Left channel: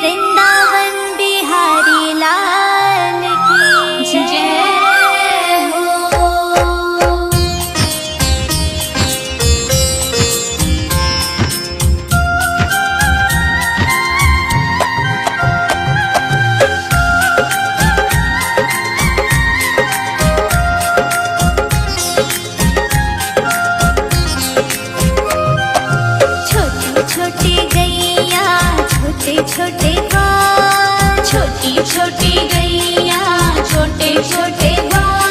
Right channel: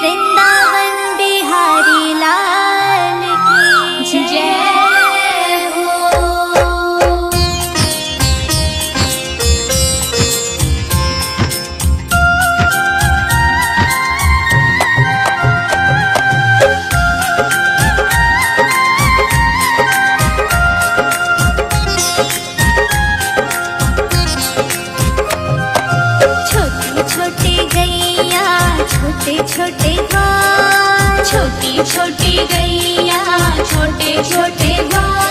वृंदावन बिहारी लाल की जय हो। छोटी छोटी गैया छोटे छोटे ग्वाल, छोटी छोटी गैया छोटे छोटे ग्वाल,